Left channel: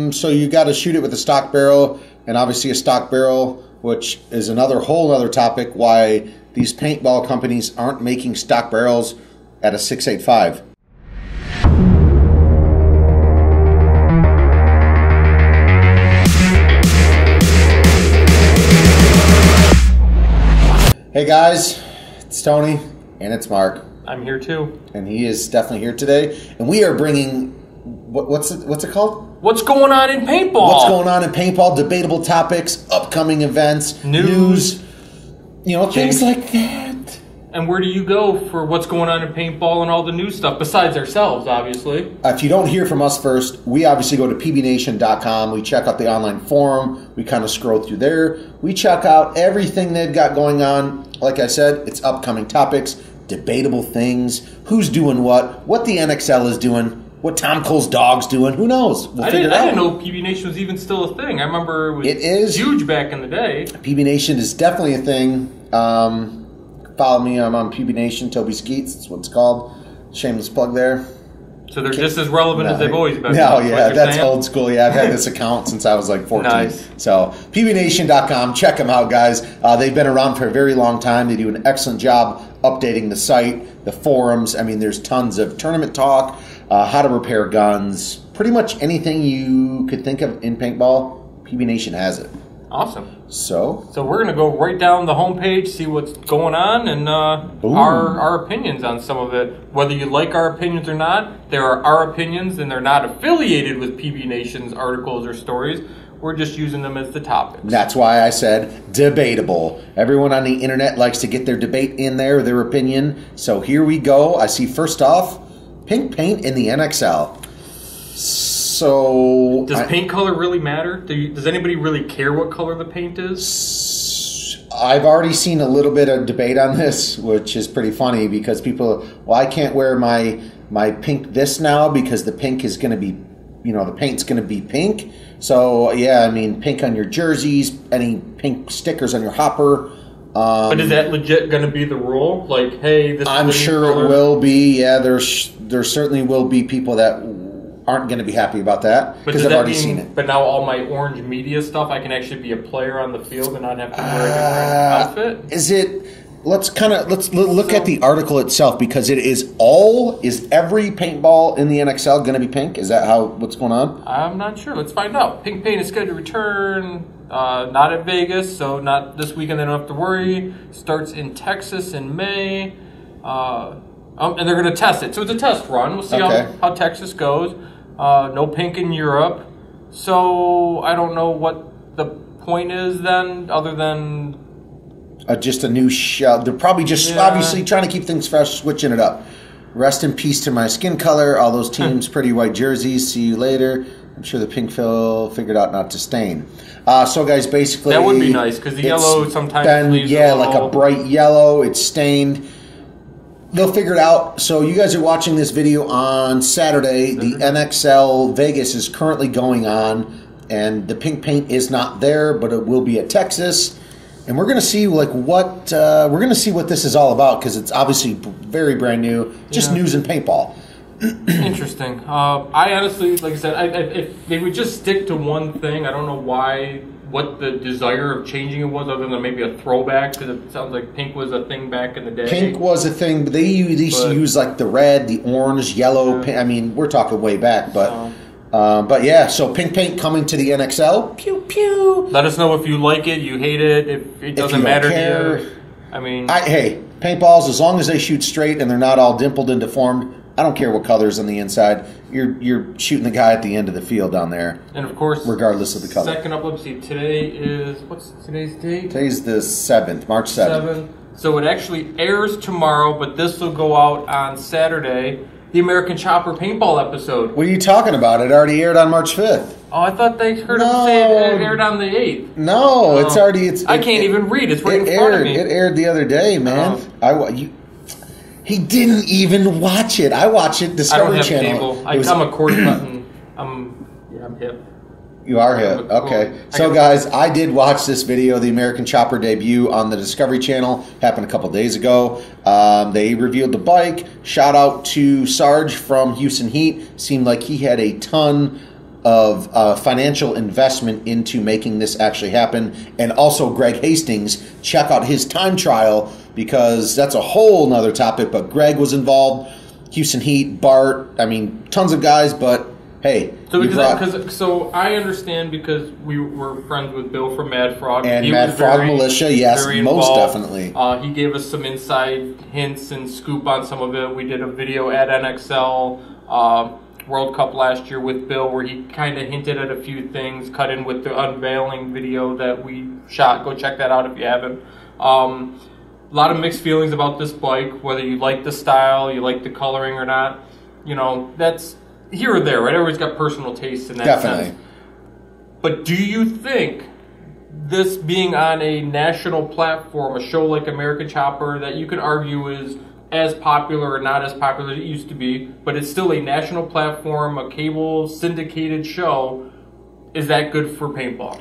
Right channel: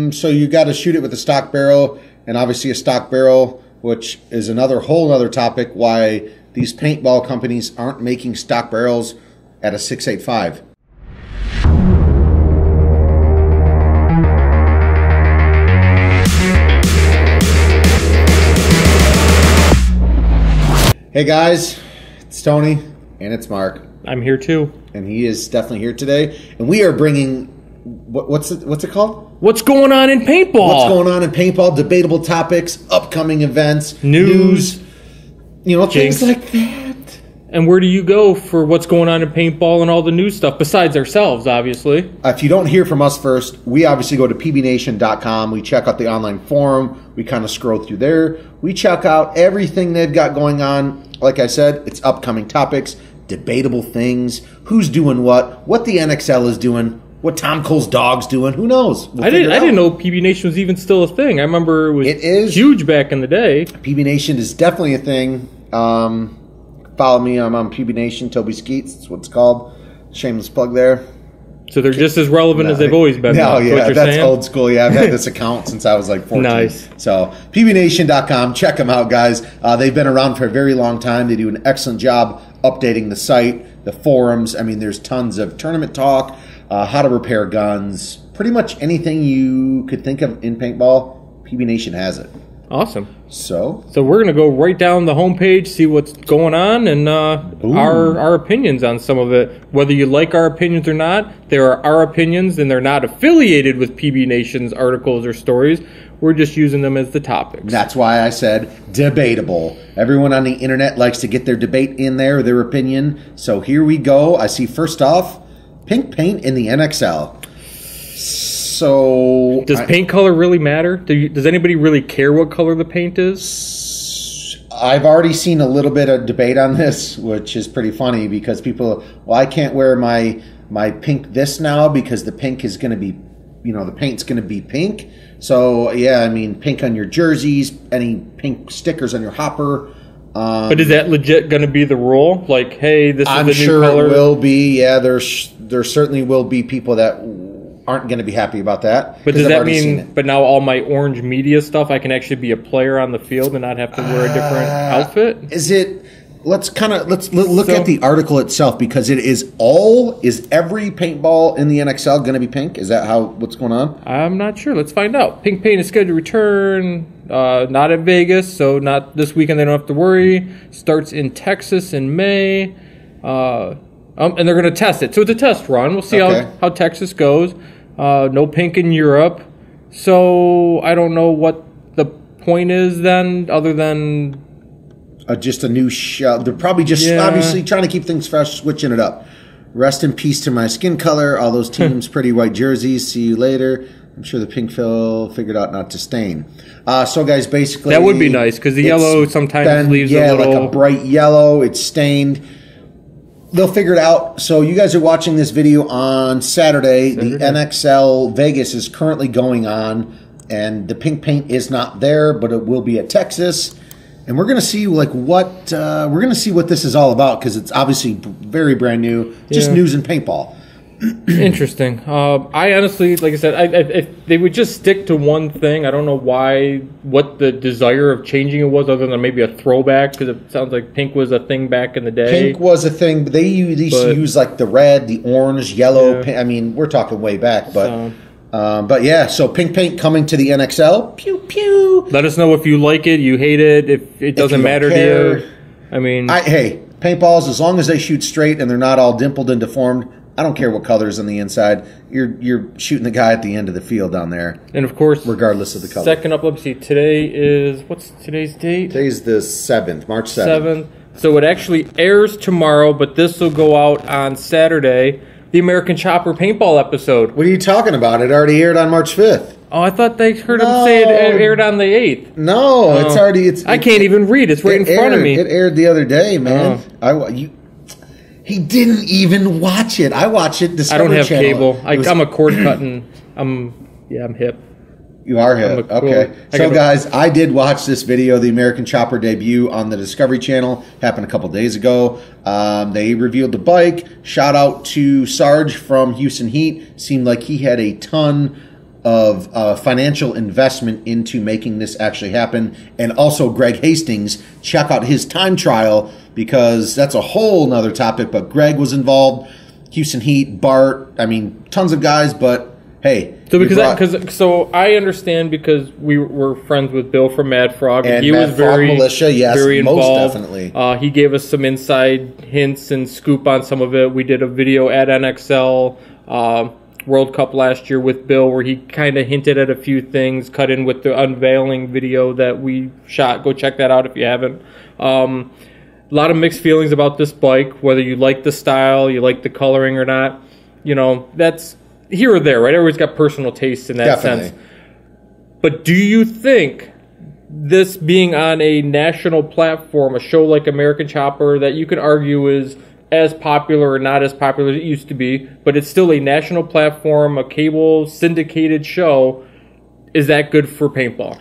So you got to shoot it with a stock barrel, and obviously a stock barrel, which is another whole other topic, why these paintball companies aren't making stock barrels at a 685. Hey guys, it's Tony and it's Mark. I'm here too, and he is definitely here today. And we are bringing what's it called? What's going on in paintball? What's going on in paintball? Debatable topics, upcoming events, news, things like that. And where do you go for what's going on in paintball and all the new stuff besides ourselves, obviously? If you don't hear from us first, we obviously go to PbNation.com. We check out the online forum. We kind of scroll through there. We check out everything they've got going on. Like I said, it's upcoming topics, debatable things, who's doing what the Nxl is doing, what Tom Cole's dog's doing. Who knows? I didn't know PbNation was even still a thing. I remember it was huge back in the day. PbNation is definitely a thing. Follow me. I'm on PbNation. Toby Skeets. That's what it's called. Shameless plug there. So they're just as relevant as they've always been. No, yeah, that's old school. Yeah, I've had this account since I was like 14. Nice. So PbNation.com. Check them out, guys. They've been around for a very long time. They do an excellent job updating the site, the forums. I mean, there's tons of tournament talk, how to repair guns, pretty much anything you could think of in paintball. PbNation has it. Awesome. So we're going to go right down the homepage, see what's going on, and our opinions on some of it. Whether you like our opinions or not, they are our opinions, and they're not affiliated with PbNation's articles or stories. We're just using them as the topics. That's why I said debatable. Everyone on the internet likes to get their debate in there, their opinion. So here we go. I see first off, pink paint in the Nxl. So does paint color really matter? Does anybody really care what color the paint is? I've already seen a little bit of debate on this, which is pretty funny because people, I can't wear my pink this now because the pink is going to be, the paint's going to be pink. So yeah, I mean, pink on your jerseys, any pink stickers on your hopper. But is that legit going to be the rule? Like, hey, this is the new sure color? It will be. Yeah, there certainly will be people that aren't going to be happy about that because I've already seen it. But now all my orange media stuff, I can actually be a player on the field and not have to wear a different outfit? Is it? Let's look at the article itself because it is every paintball in the Nxl going to be pink? Is that what's going on? I'm not sure. Let's find out. Pink paint is scheduled to return, not at Vegas, so not this weekend. They don't have to worry. Starts in Texas in May, and they're going to test it. So it's a test run. We'll see how Texas goes. No pink in Europe, so I don't know what the point is then, other than just a new shell. They're probably just obviously trying to keep things fresh, switching it up. Rest in peace to my skin color. All those teams, pretty white jerseys. See you later. I'm sure the pink figured out not to stain. So, guys, basically that would be nice because the yellow sometimes leaves a little, like a bright yellow. It's stained. They'll figure it out. So you guys are watching this video on Saturday. The Nxl Vegas is currently going on, and the pink paint is not there, but it will be at Texas. And we're going to see what this is all about because it's obviously very brand new, just news in paintball. Interesting. I honestly, like I said, if they would just stick to one thing, I don't know what the desire of changing it was, other than maybe a throwback, because it sounds like pink was a thing back in the day. Pink was a thing, but they used to use like the red, the orange, yellow. I mean, we're talking way back, but yeah. So pink paint coming to the Nxl. Pew pew. Let us know if you like it, you hate it, if it doesn't matter to you. I mean, hey, paintballs, as long as they shoot straight and they're not all dimpled and deformed. I don't care what color's on the inside. You're shooting the guy at the end of the field down there. And of course, regardless of the color. Second up, let's see. Today is, what's today's date? Today's the 7th, March 7th. So it actually airs tomorrow, but this will go out on Saturday. The American Chopper Paintball episode. What are you talking about? It already aired on March 5th. Oh, I thought they heard him say it aired on the 8th. No, it's already. I can't even read. It's right in front of me. It aired the other day, man. He didn't even watch it. I watch it Discovery Channel. I don't have cable. I'm a cord cutting. I'm hip. You are hip. Okay. So, guys, I did watch this video, the American Chopper debut on the Discovery Channel. Happened a couple days ago. They revealed the bike. Shout out to Sarge from Houston Heat. Seemed like he had a ton of financial investment into making this actually happen. And also Greg Hastings, check out his time trial, because that's a whole nother topic. But Greg was involved, Houston Heat, Bart, I mean, tons of guys, but hey. So I understand, because we were friends with Bill from Mad Frog. And Mad Frog Militia, yes, most definitely. He gave us some inside hints and scoop on some of it. We did a video at NXL World Cup last year with Bill, where he kind of hinted at a few things, cut in with the unveiling video that we shot. Go check that out if you haven't. A lot of mixed feelings about this bike, whether you like the style, you like the coloring or not. You know, that's here or there, right? Everyone's got personal tastes in that sense. But do you think this being on a national platform, a show like American Chopper, that you could argue is as popular or not as popular as it used to be, but it's still a national platform, a cable syndicated show, is that good for paintball?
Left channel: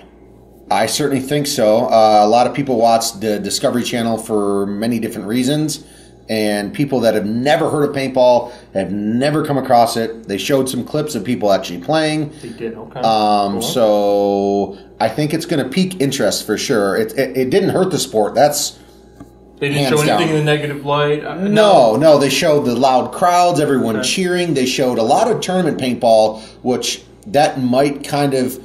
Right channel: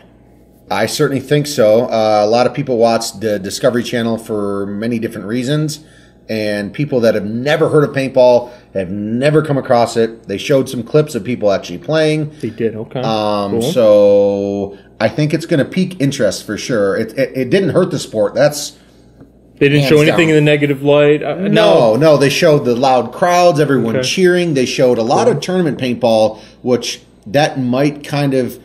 I certainly think so. A lot of people watch the Discovery Channel for many different reasons, and people that have never heard of paintball, have never come across it. They showed some clips of people actually playing. They did, okay. Cool. So I think it's going to pique interest for sure. It didn't hurt the sport. That's They didn't show anything in the negative light? No. They showed the loud crowds, everyone cheering. They showed a lot of tournament paintball, which that might kind of,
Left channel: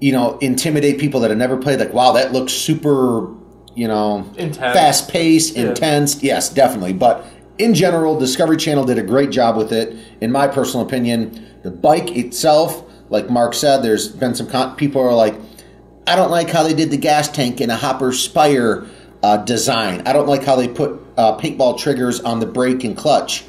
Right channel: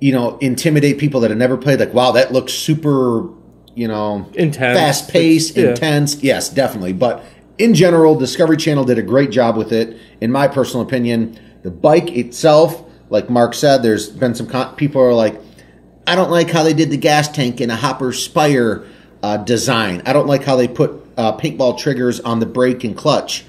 intimidate people that have never played. Like, wow, that looks super, intense, fast-paced, intense. Yes, definitely. But in general, Discovery Channel did a great job with it, in my personal opinion. The bike itself, like Mark said, there's been some people are like, I don't like how they did the gas tank in a Hopper Spire design. I don't like how they put paintball triggers on the brake and clutch.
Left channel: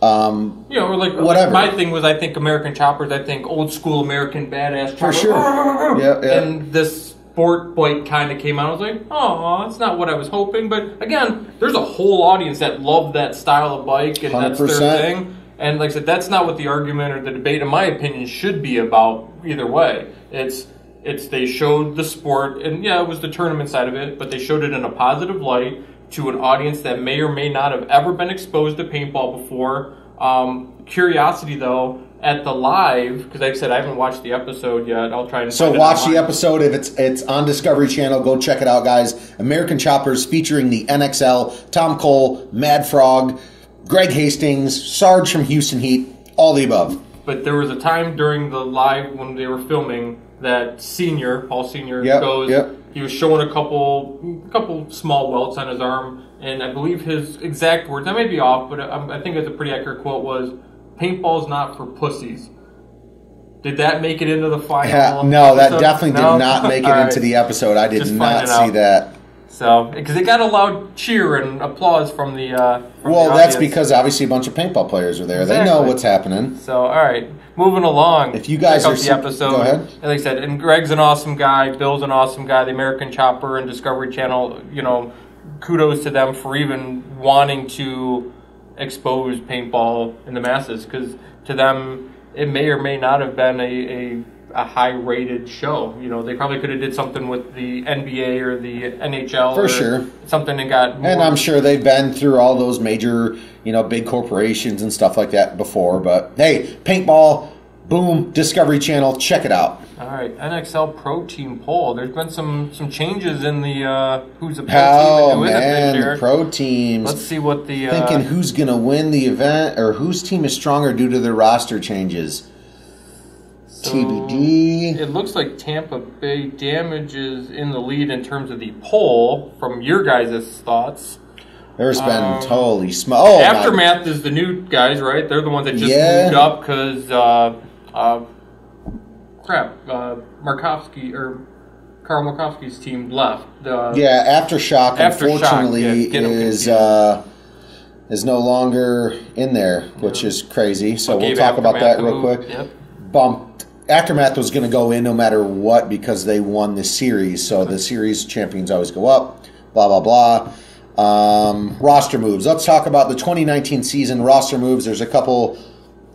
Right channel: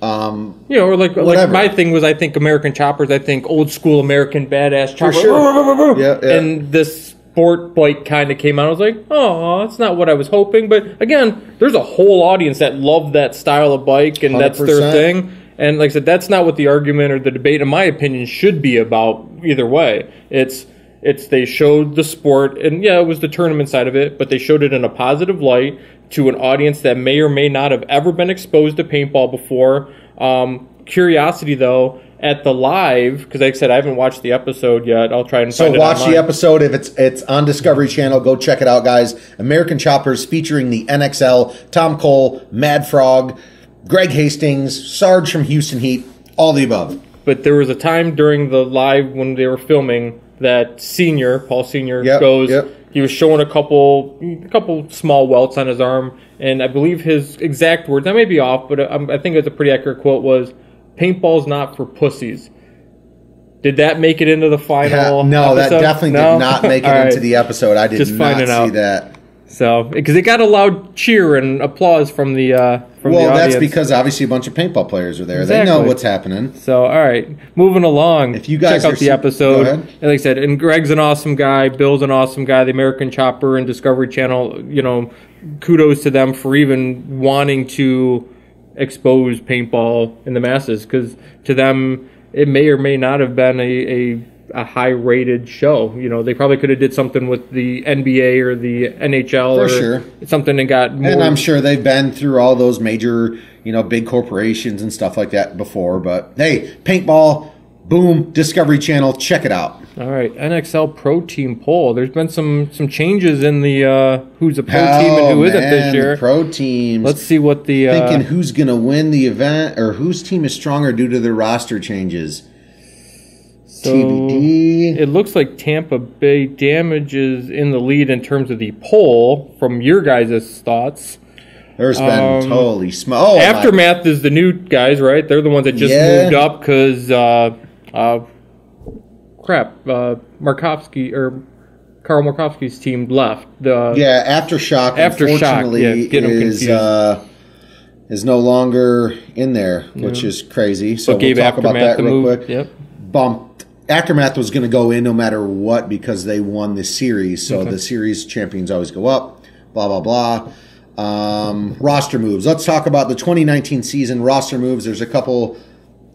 Or like whatever. Like my thing was, I think American Choppers, I think old school American badass chopper. For sure. Yeah. And this sport bike kind of came out. I was like, oh, it's not what I was hoping. But again, there's a whole audience that loved that style of bike, and 100%. That's their thing. And like I said, that's not what the argument or the debate, in my opinion, should be about either way. It's they showed the sport, and yeah, it was the tournament side of it, but they showed it in a positive light to an audience that may or may not have ever been exposed to paintball before. Curiosity, though, at the live, because like I said, I haven't watched the episode yet. I'll try and find it watch online. the episode. If it's on Discovery Channel, go check it out, guys. American Choppers featuring the NXL, Tom Cole, Mad Frog, Greg Hastings, Sarge from Houston Heat, all the above. But there was a time during the live when they were filming that Paul Senior goes. He was showing a couple small welts on his arm, and I believe his exact words, I may be off, but I think it's a pretty accurate quote, was, "Paintball's not for pussies." Did that make it into the final? No, episode? That definitely did not make it into the episode. I did not see that. So, because it got a loud cheer and applause from the from the audience. That's because obviously a bunch of paintball players are there. Exactly. They know what's happening. So, all right, moving along. If you guys check out the episode, go ahead. And like I said, and Greg's an awesome guy. Bill's an awesome guy. The American Chopper and Discovery Channel, kudos to them for even wanting to expose paintball in the masses, because to them it may or may not have been a high-rated show. They probably could have did something with the NBA or the NHL. For sure. Something that got more... And I'm sure they've been through all those major, big corporations and stuff like that before. But, hey, paintball, boom, Discovery Channel, check it out. All right, NXL Pro Team poll. There's been some changes in the who's a pro team and who isn't this year. The pro teams. Let's see what the... Thinking who's going to win the event, or whose team is stronger due to their roster changes. So TBD. It looks like Tampa Bay Damage is in the lead in terms of the poll, from your guys' thoughts. There's been totally small. Aftermath is the new guys, right? They're the ones that just moved up because, Carl Markovsky's team left. Aftershock, unfortunately, is no longer in there, which is crazy. So we'll talk about that real quick. Yep. Aftermath was going to go in no matter what because they won the series. So the series champions always go up, blah, blah, blah. Roster moves. Let's talk about the 2019 season roster moves. There's a couple.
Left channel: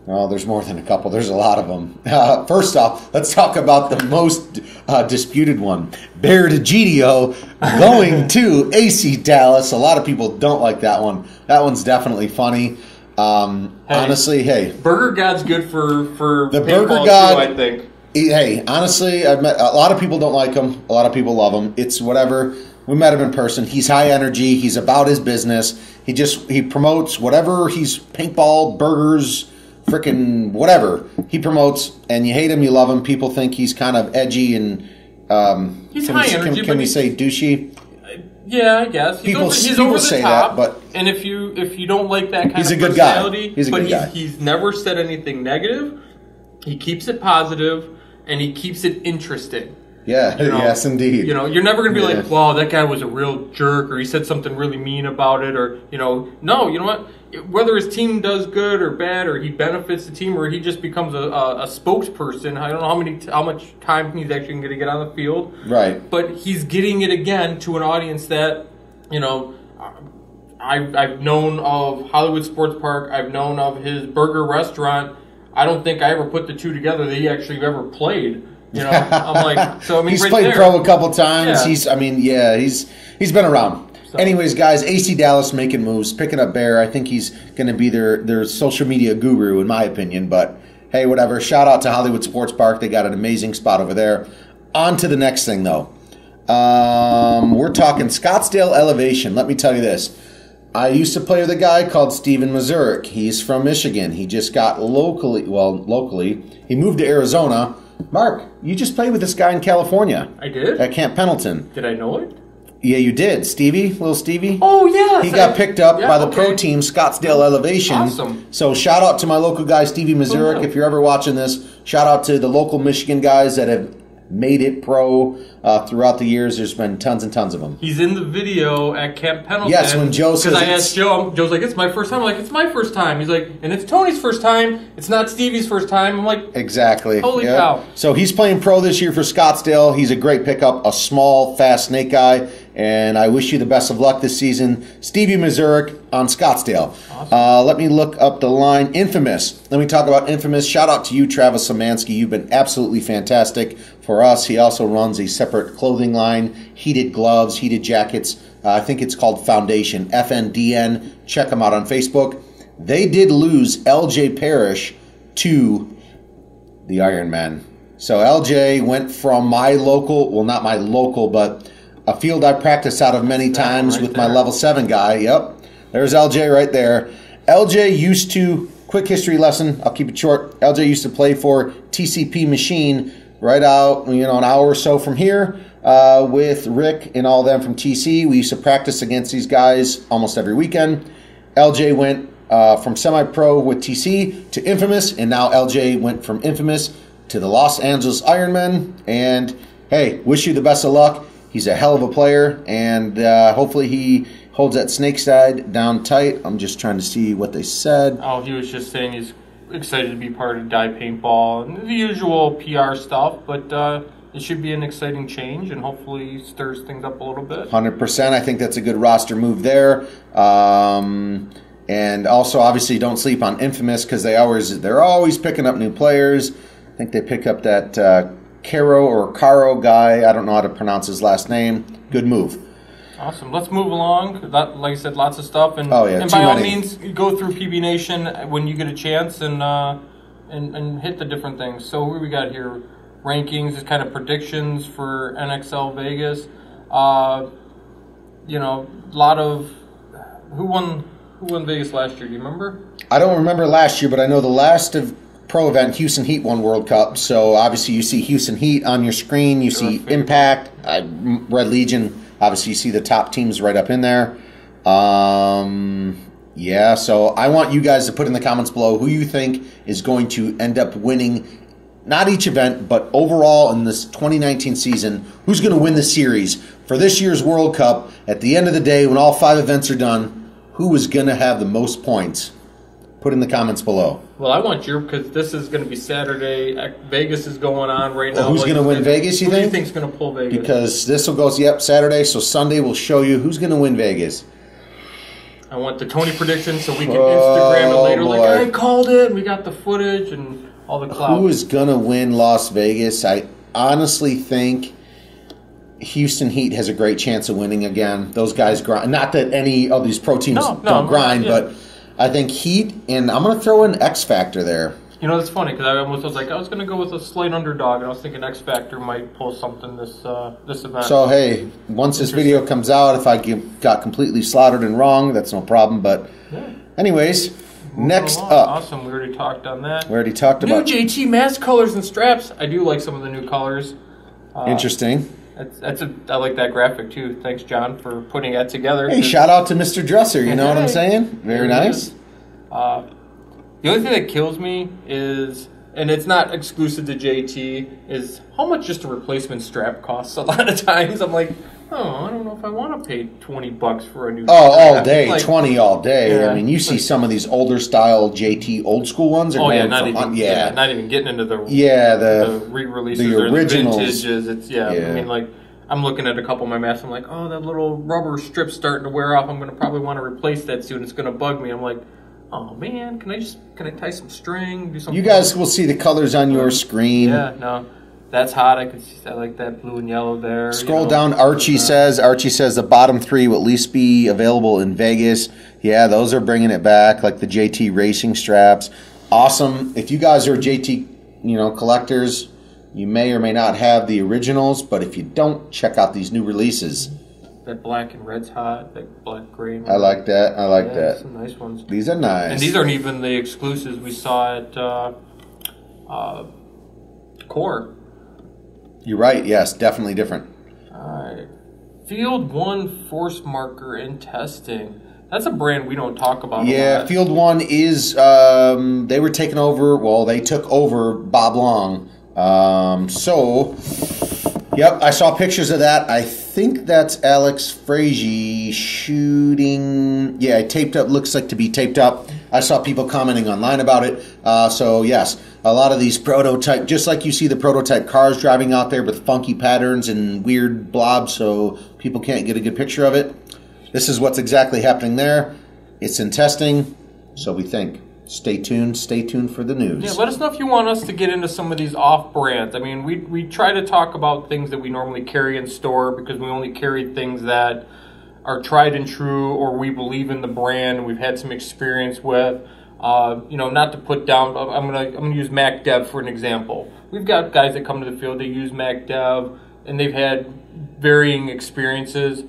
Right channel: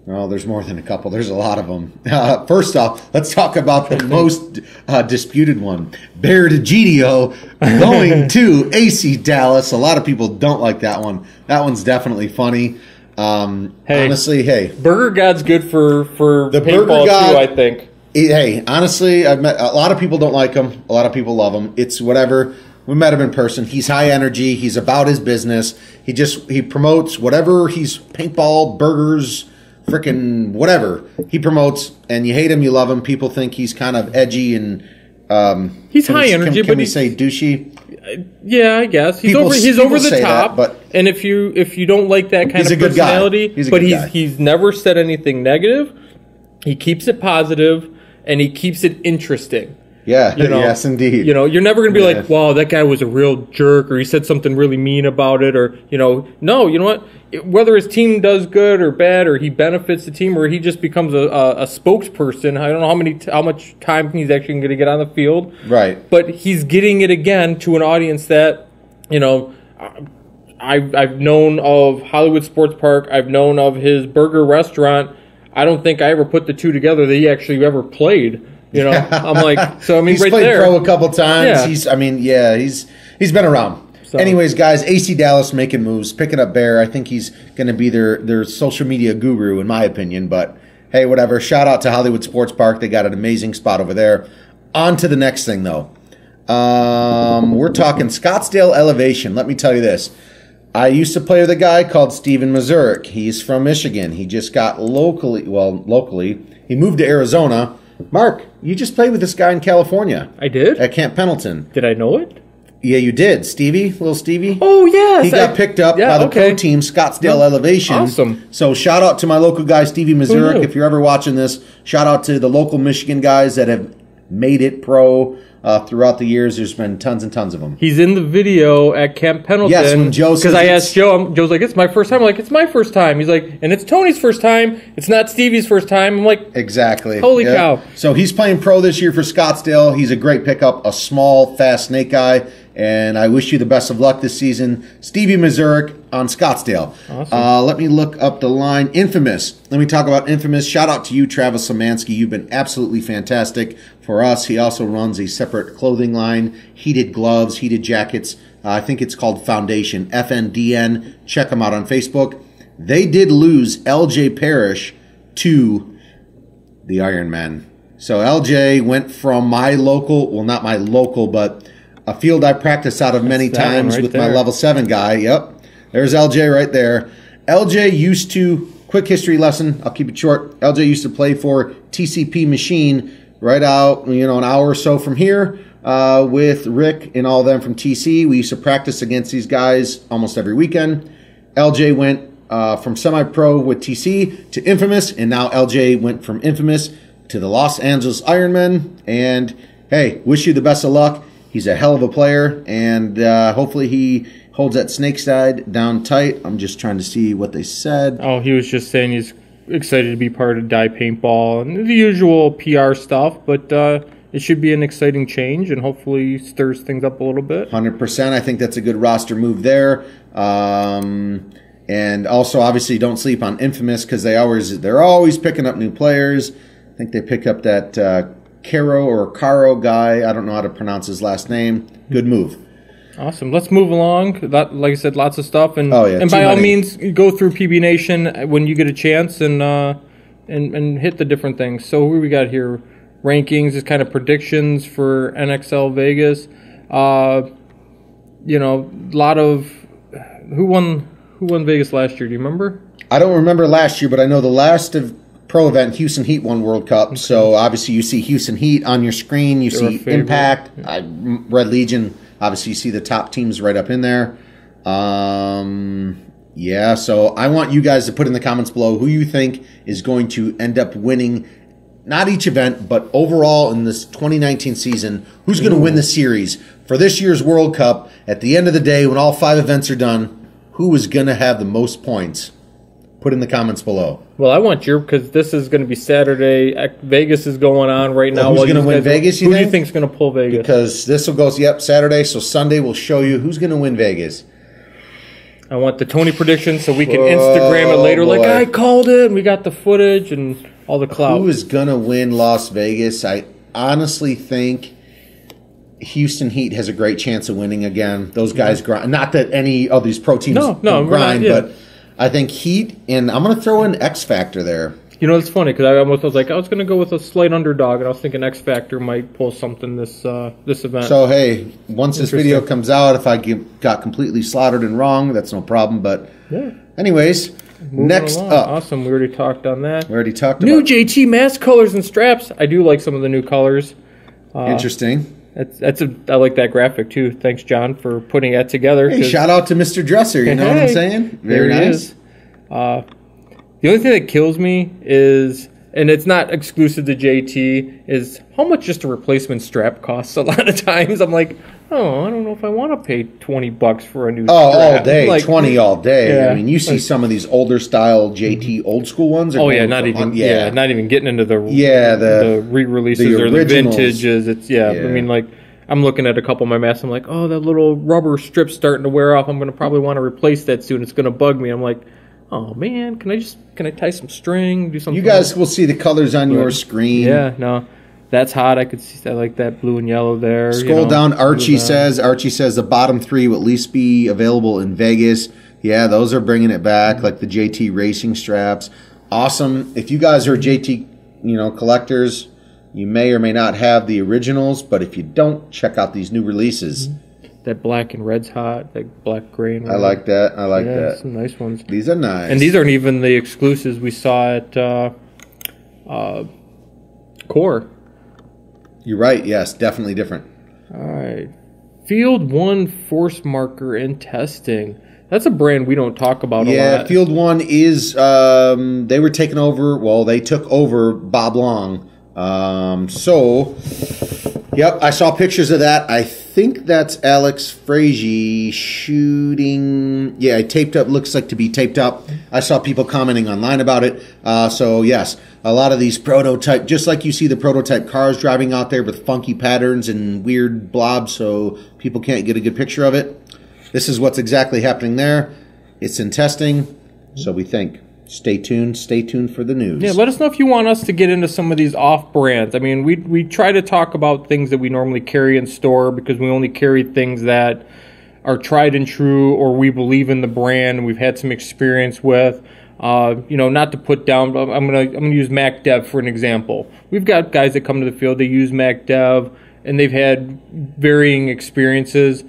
Oh, there's more than a couple. There's a lot of them. First off, let's talk about the most disputed one. Bear DeGidio going to AC Dallas. A lot of people don't like that one. That one's definitely funny. Honestly, hey. Burger God's good for the Burger God, too, I think. Hey, honestly, I've met a lot of people don't like him. A lot of people love him. It's whatever. We met him in person. He's high energy. He's about his business. He promotes whatever. He's paintball, burgers, freaking whatever he promotes. And you hate him, you love him. People think he's kind of edgy and he's high energy. Can we say douchey? Yeah, I guess he's over the top. But and if you don't like that kind of personality, he's a good guy. He's never said anything negative. He keeps it positive, and he keeps it interesting. Yeah, yes, indeed. You're never going to be like, wow, that guy was a real jerk, or he said something really mean about it, or, no, you know what? Whether his team does good or bad, or he benefits the team, or he just becomes a spokesperson, I don't know how much time he's actually going to get on the field. Right. But he's getting it again to an audience that, I've known of Hollywood Sports Park, I've known of his burger restaurant. I don't think I ever put the two together that he actually ever played. I'm like, so I mean, he's right played there, pro a couple times. Yeah. He's been around. So. Anyways, guys, AC Dallas making moves, picking up Bear. I think he's going to be their social media guru, in my opinion. But hey, whatever. Shout out to Hollywood Sports Park. They got an amazing spot over there. On to the next thing, though. We're talking Scottsdale Elevation. Let me tell you this. I used to play with a guy called Steven Mazurek. He's from Michigan. He just got locally. He moved to Arizona. Mark, you just played with this guy in California. I did? At Camp Pendleton. Did I know it? Yeah, you did. Little Stevie. Oh, yes. He got picked up by the pro team, Scottsdale Elevation. Awesome. So shout out to my local guy, Stevie Mazurek. If you're ever watching this, shout out to the local Michigan guys that have made it pro throughout the years. There's been tons and tons of them. He's in the video at Camp Pendleton. Yes, when Joe says... Because I asked Joe, Joe's like, it's my first time. I'm like, it's my first time. He's like, and it's Tony's first time. It's not Stevie's first time. I'm like... Exactly. Holy cow. So he's playing pro this year for Scottsdale. He's a great pickup, a small, fast snake guy. And I wish you the best of luck this season. Stevie Mazurek on Scottsdale. Awesome. Let me look up the line. Infamous. Let me talk about Infamous. Shout out to you, Travis Szymanski. You've been absolutely fantastic for us. He also runs a separate clothing line, heated gloves, heated jackets. I think it's called Foundation, FNDN. Check them out on Facebook. They did lose LJ Parrish to the Ironman. So LJ went from my local, well, not my local, but a field I practiced out of many times with my level 7 guy. Yep. There's LJ right there. LJ used to, quick history lesson, I'll keep it short. LJ used to play for TCP Machine right out, an hour or so from here with Rick and all of them from TC. We used to practice against these guys almost every weekend. LJ went from semi-pro with TC to Infamous, and now LJ went from Infamous to the Los Angeles Ironmen. And hey, wish you the best of luck. He's a hell of a player, and hopefully he holds that snake side down tight. I'm just trying to see what they said. Oh, he was just saying he's excited to be part of Die Paintball and the usual PR stuff, but it should be an exciting change and hopefully stirs things up a little bit. 100%. I think that's a good roster move there. And also, obviously, don't sleep on Infamous because they're always picking up new players. I think they pick up that Caro guy. I don't know how to pronounce his last name. Good move. Awesome. Let's move along. Like I said, lots of stuff. And, and by all means, go through PbNation when you get a chance and hit the different things. So who we got here? Rankings is kind of predictions for Nxl Vegas. A lot of who won Vegas last year? Do you remember? I don't remember last year, but I know the last of pro event, Houston Heat won World Cup. So obviously you see Houston Heat on your screen. You see Impact, Red Legion. Obviously you see the top teams right up in there. Yeah, so I want you guys to put in the comments below who you think is going to end up winning, not each event, but overall in this 2019 season, who's going to win the series for this year's World Cup. At the end of the day, when all 5 events are done, who is going to have the most points? Put in the comments below. Well, I want your, because this is going to be Saturday. Vegas is going on right now. Who's going to win Vegas, you think? Who do you think is going to pull Vegas? Because this will go, Saturday, so Sunday we'll show you who's going to win Vegas. I want the Tony prediction so we can Instagram it later. Boy. Like, I called it, and we got the footage and all the clout. Who is going to win Las Vegas? I honestly think Houston Heat has a great chance of winning again. Those guys grind. Not that any of these pro teams don't grind, but I think Heat, and I'm going to throw in X Factor there. You know, it's funny because I almost was like, I was going to go with a slight underdog, and I was thinking X Factor might pull something this event. So, hey, once this video comes out, if I got completely slaughtered and wrong, that's no problem. But yeah. Anyways, next up. Awesome. We already talked on that. We already talked about new JT mask colors and straps. I do like some of the new colors. Interesting. I like that graphic, too. Thanks, John, for putting that together. Hey, shout out to Mr. Dresser. You know what I'm saying? Very nice. The only thing that kills me is, and it's not exclusive to JT, is how much just a replacement strap costs. A lot of times I'm like, oh, I don't know if I want to pay $20 for a new strap. All day, like, 20 all day. Yeah. I mean, you see some of these older style JT old school ones. Not even getting into the the re-releases or the vintages. I mean, like, I'm looking at a couple of my masks. I'm like, oh, that little rubber strip's starting to wear off. I'm going to probably want to replace that soon. It's going to bug me. I'm like, oh man, can I tie some string? Do something. You guys will see the colors on your screen. Yeah, no, that's hot. I like that blue and yellow there. Scroll down. Archie says the bottom three will at least be available in Vegas. Yeah, those are bringing it back, like the JT racing straps. Awesome. If you guys are JT, collectors, you may or may not have the originals, but if you don't, check out these new releases. That black and red's hot. That black gray. I like that. I like that. Some nice ones. These are nice. And these aren't even the exclusives we saw at Core. You're right. Yes, definitely different. All right. Field 1 force marker and testing. That's a brand we don't talk about a lot. Yeah, Field 1 is, they were taken over, they took over Bob Long. Yep, I saw pictures of that. I think that's Alex Frazier shooting. Yeah, taped up. Looks like to be taped up. I saw people commenting online about it. So yes, a lot of these prototype, just like you see the prototype cars driving out there with funky patterns and weird blobs, so people can't get a good picture of it. This is what's exactly happening there. It's in testing, so we think. Stay tuned for the news. Yeah, let us know if you want us to get into some of these off brands. I mean, we try to talk about things that we normally carry in store because we only carry things that are tried and true or we believe in the brand, we've had some experience with. Not to put down, but I'm gonna use MacDev for an example. We've got guys that come to the field, they use MacDev and they've had varying experiences.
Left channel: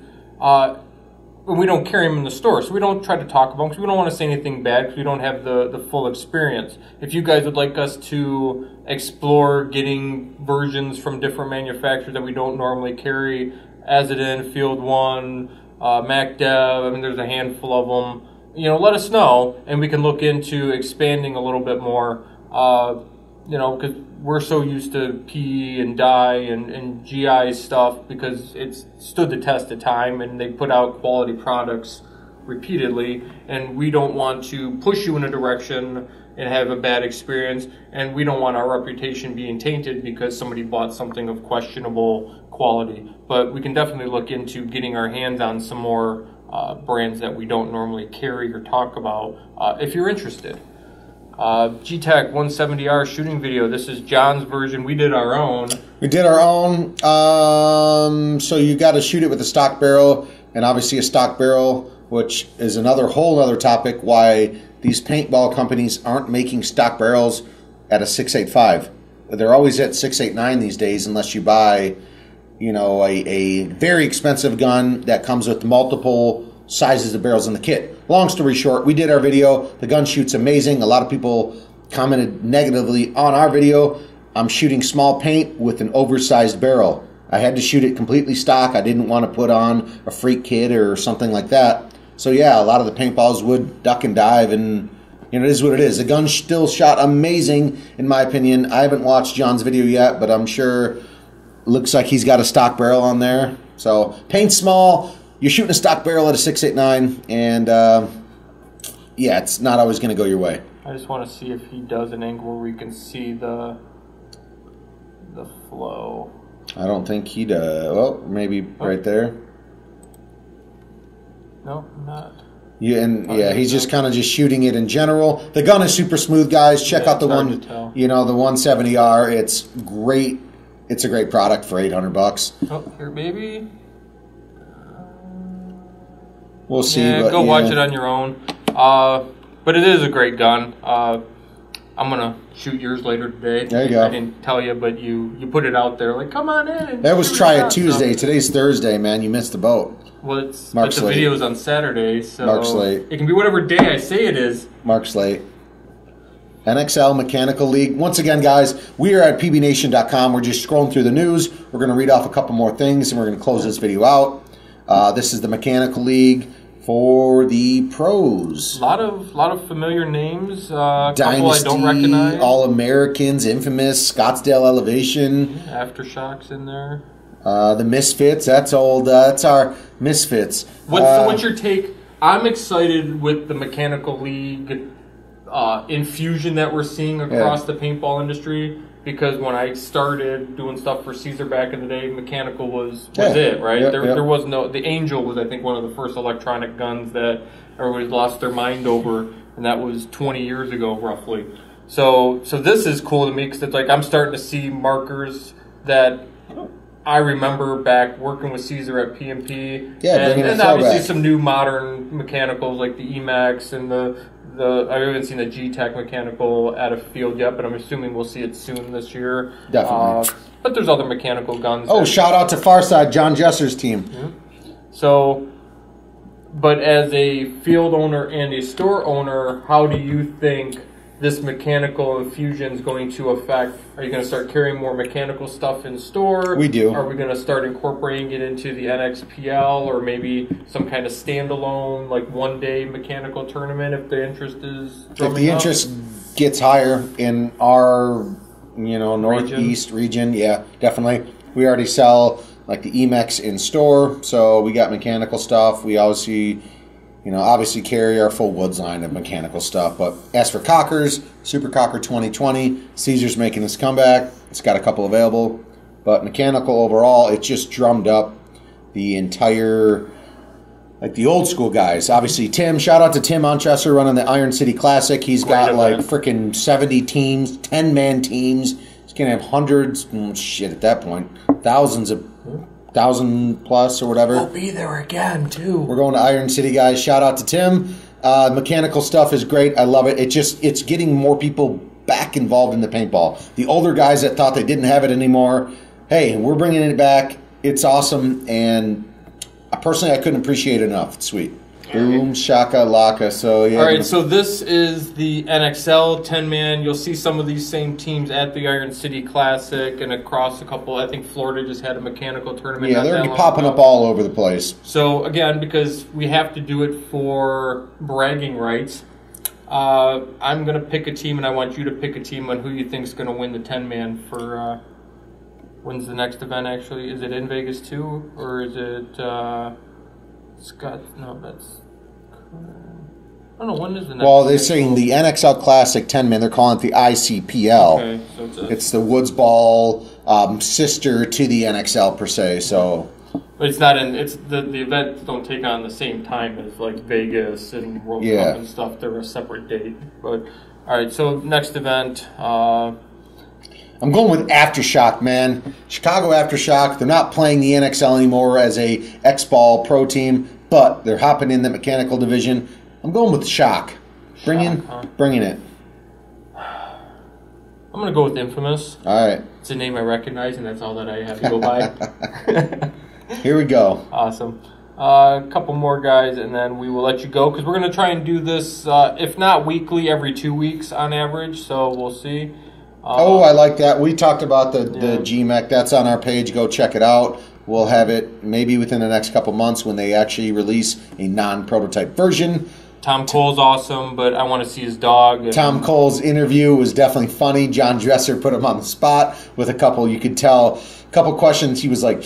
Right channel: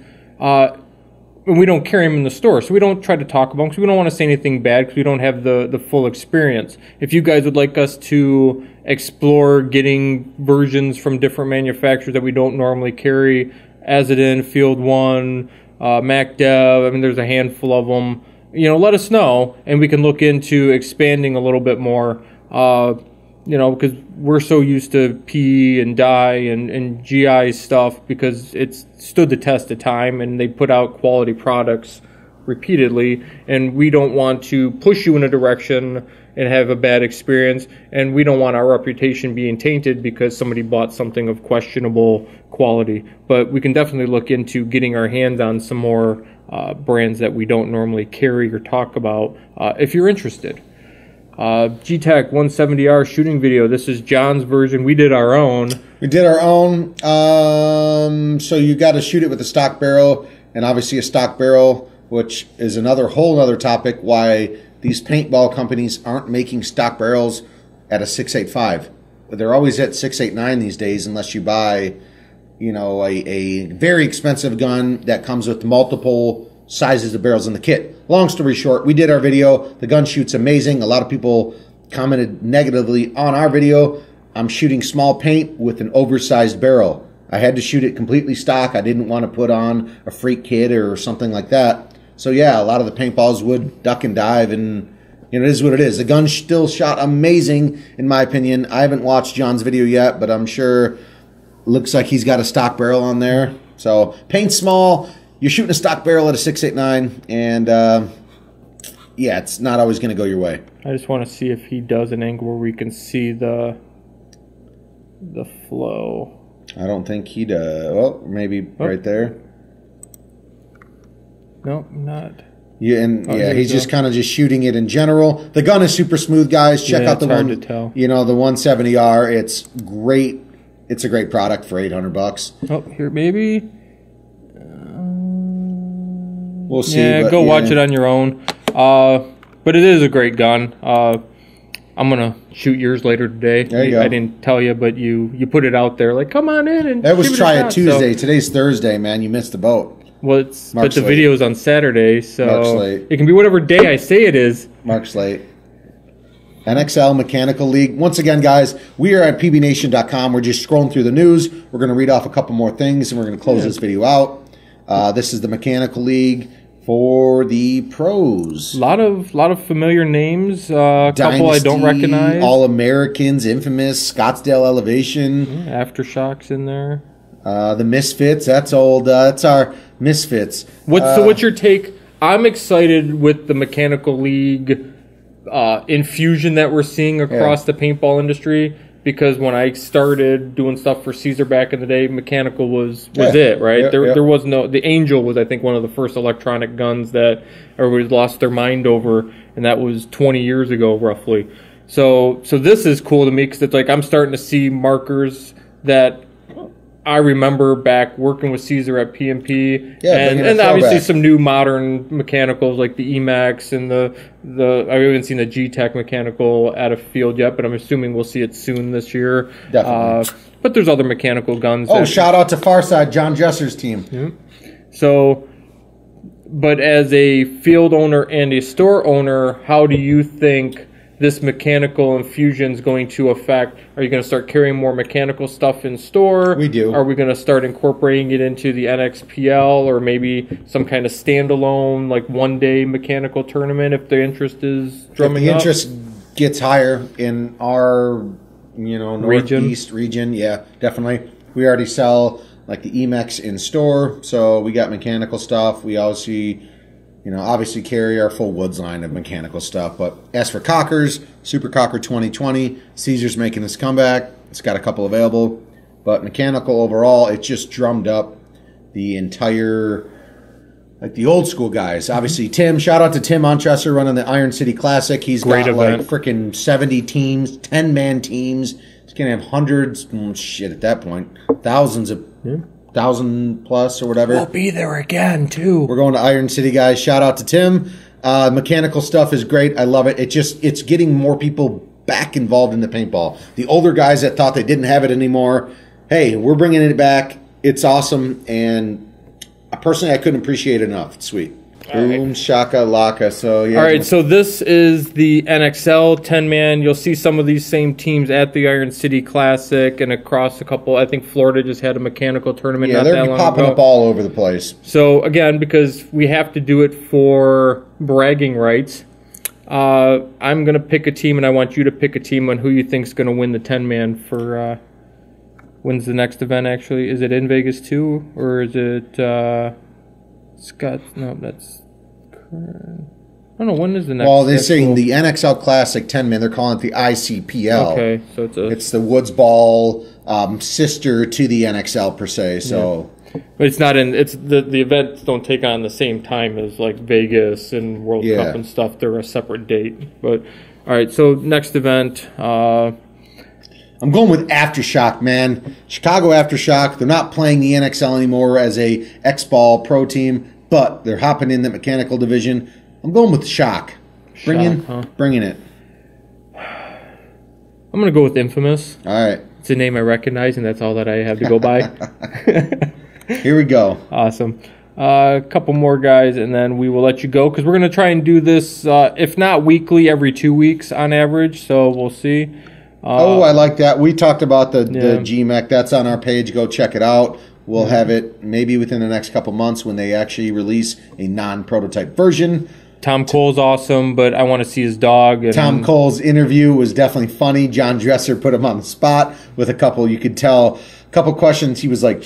And we don't carry them in the store, so we don't try to talk about them because we don't want to say anything bad because we don't have the full experience. If you guys would like us to explore getting versions from different manufacturers that we don't normally carry, Azadin, Field 1, MacDev, I mean, there's a handful of them, let us know, and we can look into expanding a little bit more, because we're so used to P and dye and GI stuff because it's stood the test of time and they put out quality products repeatedly, and we don't want to push you in a direction and have a bad experience, and we don't want our reputation being tainted because somebody bought something of questionable quality. But we can definitely look into getting our hands on some more brands that we don't normally carry or talk about if you're interested. G-Tech 170R shooting video. This is John's version. We did our own. So you got to shoot it with a stock barrel, and obviously a stock barrel, which is whole other topic, why these paintball companies aren't making stock barrels at a 6.85. They're always at 6.89 these days, unless you buy, a very expensive gun that comes with multiple sizes of barrels in the kit. Long story short, we did our video. The gun shoots amazing. A lot of people commented negatively on our video. I'm shooting small paint with an oversized barrel. I had to shoot it completely stock. I didn't want to put on a freak kit or something like that. So yeah, a lot of the paintballs would duck and dive, and it is what it is. The gun still shot amazing, in my opinion. I haven't watched John's video yet, but I'm sure looks like he's got a stock barrel on there. So paint small. You're shooting a stock barrel at a 6.89, and yeah, it's not always going to go your way. I just want to see if he does an angle where we can see the flow. I don't think he does. Well, maybe right there. No, not. Yeah, and he's just kind of just shooting it in general. The gun is super smooth, guys. Check out the one, the 170R. It's great. It's a great product for $800. Oh, here, baby. We'll see. Yeah, go watch it on your own. But it is a great gun. I'm gonna shoot yours later today. There you go. I didn't tell you, but you put it out there like, come on in. And that was Try It shot. Tuesday. So, Today's Thursday, man. You missed the boat. well, but the video is on Saturday, so Mark's late. It can be whatever day I say it is. Mark's late. Nxl Mechanical League. Once again, guys, we are at PbNation.com. We're just scrolling through the news. We're going to read off a couple more things, and we're going to close this video out. This is the Mechanical League for the pros. A lot of familiar names. A Dynasty, couple I don't recognize. All-Americans, Infamous, Scottsdale Elevation. Aftershock's in there. The Misfits. That's old. That's our Misfits. So what's your take? I'm excited with the Mechanical League infusion that we're seeing across the paintball industry, because when I started doing stuff for Caesar back in the day, mechanical was it, right? There was no... The Angel was, I think, one of the first electronic guns that everybody lost their mind over, and that was 20 years ago, roughly. So this is cool to me, because it's like I'm starting to see markers that I remember back working with Caesar at PMP, and obviously some new modern mechanicals like the Emax and the I haven't seen the G-Tech mechanical at a field yet, but I'm assuming we'll see it soon this year. Definitely. But there's other mechanical guns. Oh, shout out to Farside, John Jesser's team. Mm-hmm. So, but as a field owner and a store owner, how do you think this mechanical infusion is going to affect? Are you going to start carrying more mechanical stuff in store? We do. Are we going to start incorporating it into the NXPL, or maybe some kind of standalone, like one-day mechanical tournament if the interest is drumming If the interest gets higher in our, northeast region, yeah, definitely. We already sell like the Emax in store, so we got mechanical stuff. We obviously carry our full Woods line of mechanical stuff. But as for Cockers, Super Cocker 2020, Caesar's making this comeback. It's got a couple available. But mechanical overall, it just drummed up the entire, like the old school guys. Obviously, Tim, shout out to Tim Onchester running the Iron City Classic. He's got like freaking 70 teams, 10-man teams. He's going to have hundreds, at that point, thousands of... 1,000 plus or whatever. We'll be there again too. We're going to Iron City, guys. Shout out to Tim. Mechanical stuff is great. I love it. It's getting more people back involved in the paintball. The older guys that thought they didn't have it anymore, hey, we're bringing it back. It's awesome, and personally, I couldn't appreciate it enough. It's sweet. Boom, shaka, laka. So, yeah. All right, so this is the NXL 10-man. You'll see some of these same teams at the Iron City Classic and across a couple. I think Florida just had a mechanical tournament. Yeah, they're popping up all over the place. So, again, because we have to do it for bragging rights, I'm going to pick a team, and I want you to pick a team on who you think is going to win the 10-man for... when's the next event, actually? Is it in Vegas, too? Or is it... Scott, no, that's... I don't know, when is the next... Well, they're saying the NXL Classic 10-man, they're calling it the ICPL. Okay, so it's the Woods Ball sister to the NXL, per se, so... Yeah. But it's not in... It's the events don't take on the same time as, like, Vegas and World Cup and stuff. They're a separate date. But, all right, so next event... I'm going with Aftershock, man. Chicago Aftershock. They're not playing the NXL anymore as a X-Ball pro team, but they're hopping in the mechanical division. I'm going with Shock. Bringing it. I'm going to go with Infamous. All right. It's a name I recognize, and that's all that I have to go by. Here we go. Awesome. A couple more guys, and then we will let you go, because we're going to try and do this, if not weekly, every 2 weeks on average, so we'll see. I like that. We talked about the GMEC. That's on our page. Go check it out. We'll have it maybe within the next couple months when they actually release a non-prototype version. Tom Cole's awesome, but I want to see his dog. Tom Cole's interview was definitely funny. John Dresser put him on the spot with a couple, you could tell, a couple questions. He was like,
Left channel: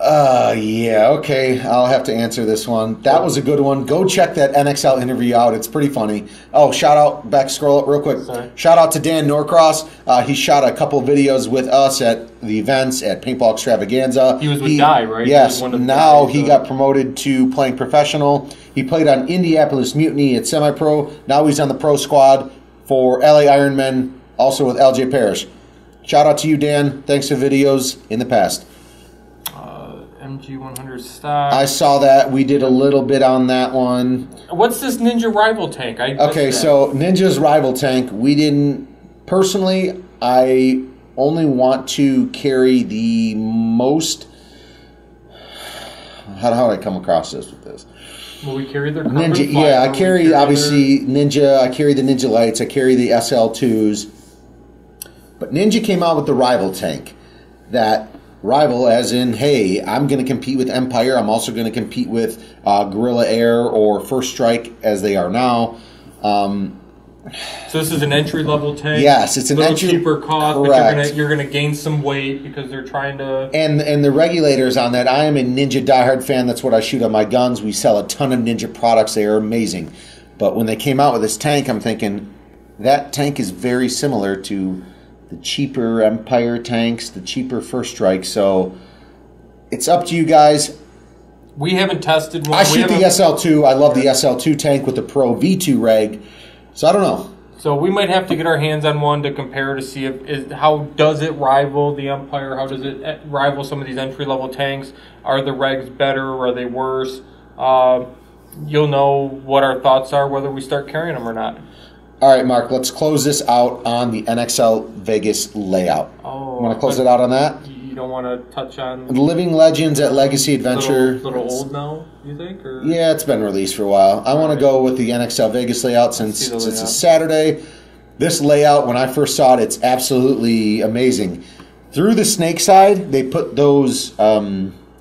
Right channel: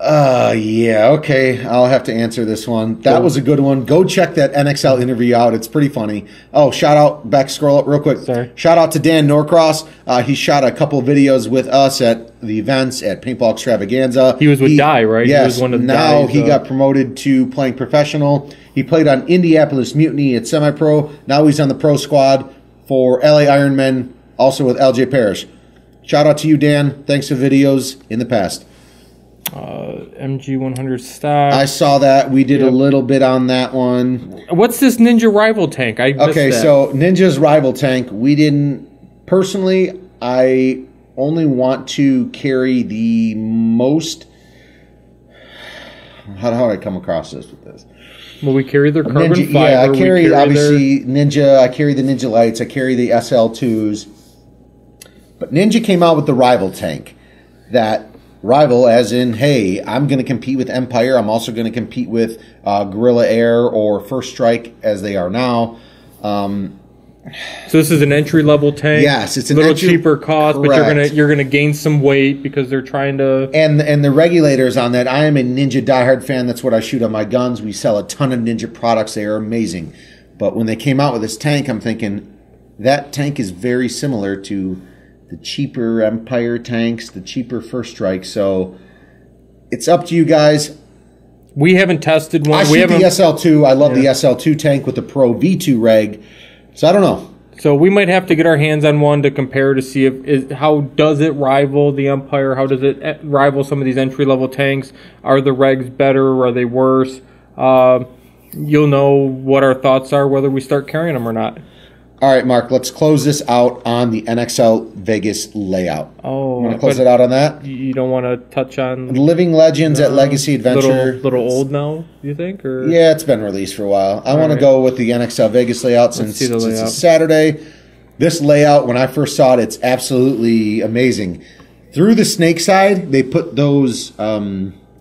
yeah, okay, I'll have to answer this one. That was a good one. Go check that NXL interview out. It's pretty funny. Oh, shout out, scroll up real quick. Sorry. Shout out to Dan Norcross. He shot a couple of videos with us at the events at Paintball Extravaganza. He was with Dye, right? Yes. Now he got promoted to playing professional. He played on Indianapolis Mutiny at semi-pro. Now he's on the pro squad for LA Ironmen, also with LJ Parrish. Shout out to you, Dan. Thanks for videos in the past. MG100 stock. I saw that. We did a little bit on that one. What's this Ninja rival tank? Okay, so Ninja's rival tank, we didn't... Personally, I only want to carry the most... How do I come across this with this? Well, we carry their carbon Ninja, fiber. yeah, I carry obviously Ninja. I carry the Ninja Lights. I carry the SL2s. But Ninja came out with the rival tank. That rival, as in, hey, I'm going to compete with Empire. I'm also going to compete with Guerrilla Air or First Strike, as they are now. So this is an entry level tank. Yes, it's a little cheaper cost, correct. But you're gonna gain some weight because they're trying to. And the regulators on that. I am a Ninja diehard fan. That's what I shoot on my guns. We sell a ton of Ninja products. They are amazing. But when they came out with this tank, I'm thinking that tank is very similar to the cheaper Empire tanks, the cheaper First Strike. So it's up to you guys. We haven't tested one. I shoot the SL2. I love the SL2 tank with the Pro V2 reg. So I don't know. So we might have to get our hands on one to compare to see how does it rival the Empire? How does it rival some of these entry level tanks? Are the regs better? Or are they worse? You'll know what our thoughts are whether we start carrying them or not. All right, Mark. Let's close this out on the Nxl Vegas Layout. Oh, want to close it out on that? You don't want to touch on Living Legends at Legacy Adventure. Little old now, you think? Or? Yeah, it's been released for a while. I want to go with the Nxl Vegas Layout since it's a Saturday. This layout, when I first saw it, it's absolutely amazing. Through the snake side, they put those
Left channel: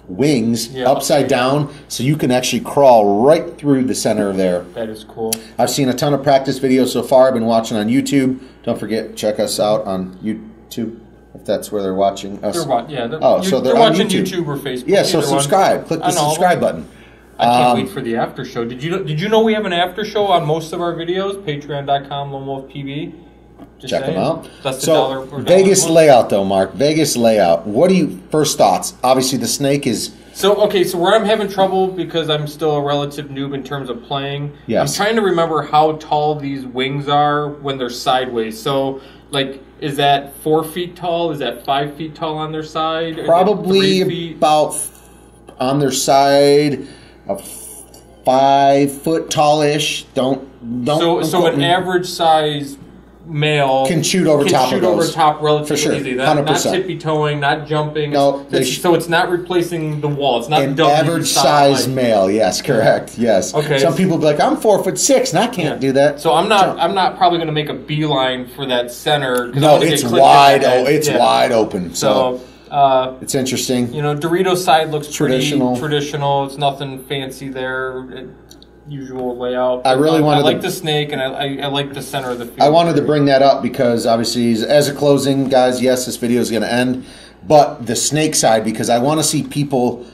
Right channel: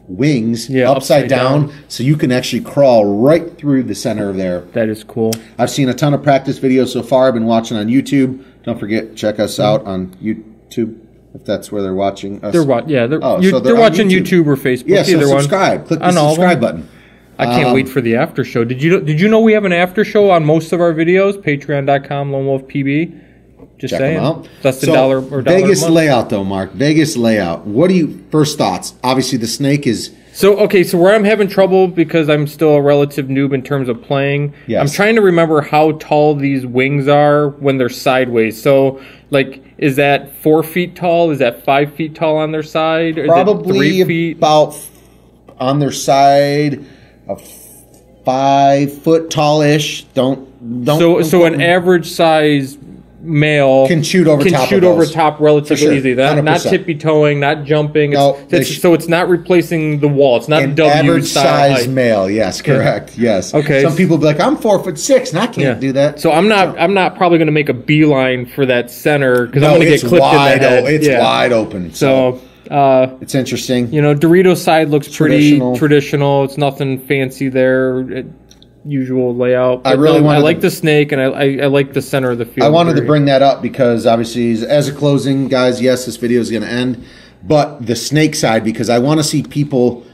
wings upside down so you can actually crawl right through the center of there. That is cool. I've seen a ton of practice videos so far. I've been watching on YouTube. Don't forget, check us out on YouTube if that's where they're watching us. They're watching YouTube or Facebook. Yeah, so subscribe. Click the subscribe button. I can't wait for the after show. Did you know we have an after show on most of our videos? Patreon.com/LoneWolfPB. Just check saying. them out. That's the Vegas Layout, though, Mark. Vegas Layout. What do you first thoughts? Obviously, the snake is. So where I'm having trouble because I'm still a relative noob in terms of playing. Yes. I'm trying to remember how tall these wings are when they're sideways. So is that 4 feet tall? Is that 5 feet tall on their side? Probably 3 feet? About on their side. 5 foot tallish. Don't. So an average size male can shoot over top relatively easy. Not tippy toeing, not jumping. No, so it's not replacing the wall. It's not an average size male. Yes, correct. Yeah. Yes. Okay. Some people be like, I'm 4'6" and I can't do that. So I'm not probably going to make a beachline for that center because no, it's wide. It's wide open. So. It's interesting. Dorito side looks traditional. It's nothing fancy there. Usual layout. I like the snake, and I like the center of the field. I wanted to bring that up because obviously, as a closing, guys, yes, this video is going to end, but the snake side, because I want to see people,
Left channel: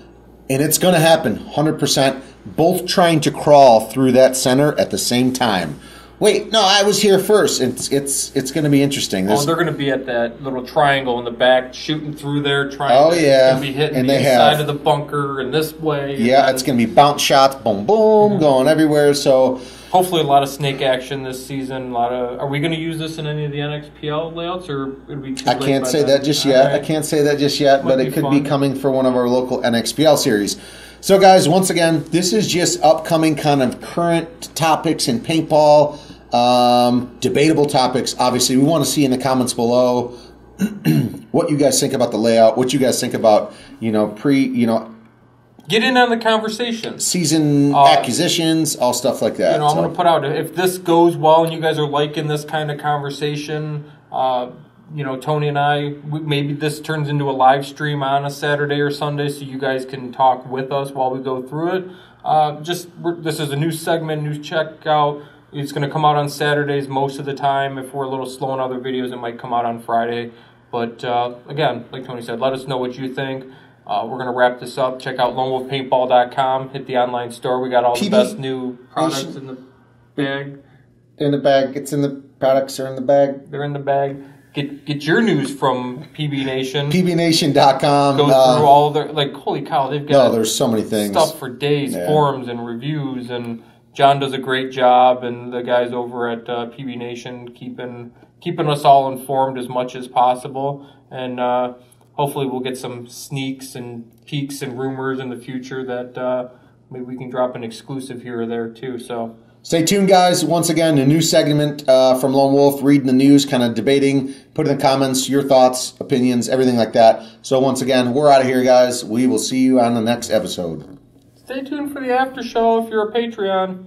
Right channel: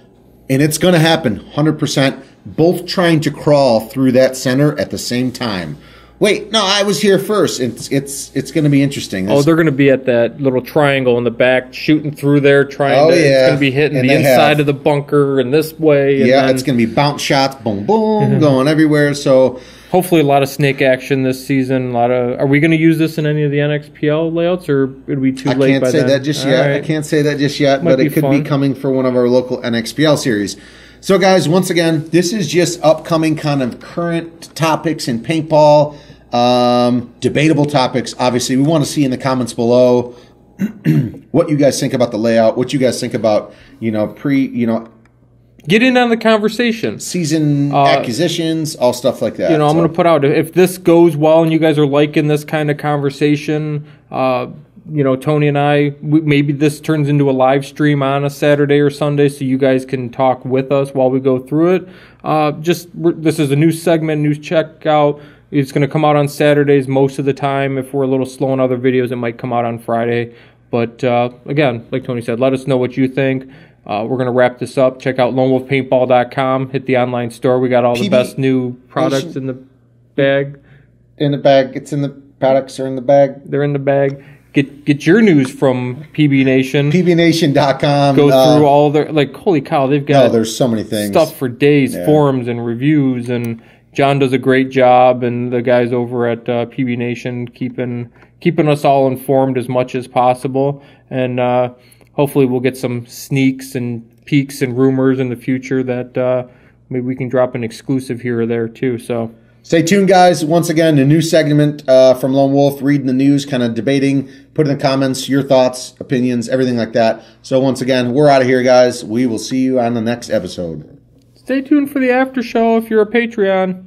and it's going to happen 100%, both trying to crawl through that center at the same time. Wait, no, I was here first. It's going to be interesting. They're going to be at that little triangle in the back, shooting through there, it's going to be hitting the inside of the bunker and this way. It's going to be bounce shots, boom, boom, going everywhere. So hopefully a lot of snake action this season. Are we going to use this in any of the NXPL layouts, or would we be too late? I can't say that just yet. I can't say that just yet, but it could be coming for one of our local NXPL series. So, guys, once again, this is just upcoming kind of current topics in paintball. Debatable topics. Obviously, we want to see in the comments below what you guys think about the layout, what you guys think about, get in on the conversation, season acquisitions, all stuff like that. I'm going to put out, if this goes well and you guys are liking this kind of conversation, Tony and I, maybe this turns into a live stream on a Saturday or Sunday so you guys can talk with us while we go through it. This is a new segment, new checkout. It's going to come out on Saturdays most of the time. If we're a little slow on other videos, it might come out on Friday. But again, like Tony said, let us know what you think. We're going to wrap this up. Check out LoneWolfPaintball.com. Hit the online store. We got all the best new products in the bag. In the bag. It's in the products are in the bag. They're in the bag. Get your news from PbNation. PbNation.com. Go through all their, holy cow, they've got there's so many things. Stuff for days, forums and reviews, and John does a great job, and the guys over at PbNation keeping us all informed as much as possible. And hopefully we'll get some sneaks and peeks and rumors in the future that maybe we can drop an exclusive here or there too. So stay tuned, guys. Once again, a new segment from Lone Wolf, reading the news, kind of debating, put in the comments your thoughts, opinions, everything like that. So once again, we're out of here, guys. We will see you on the next episode. Stay tuned for the after show if you're a Patreon.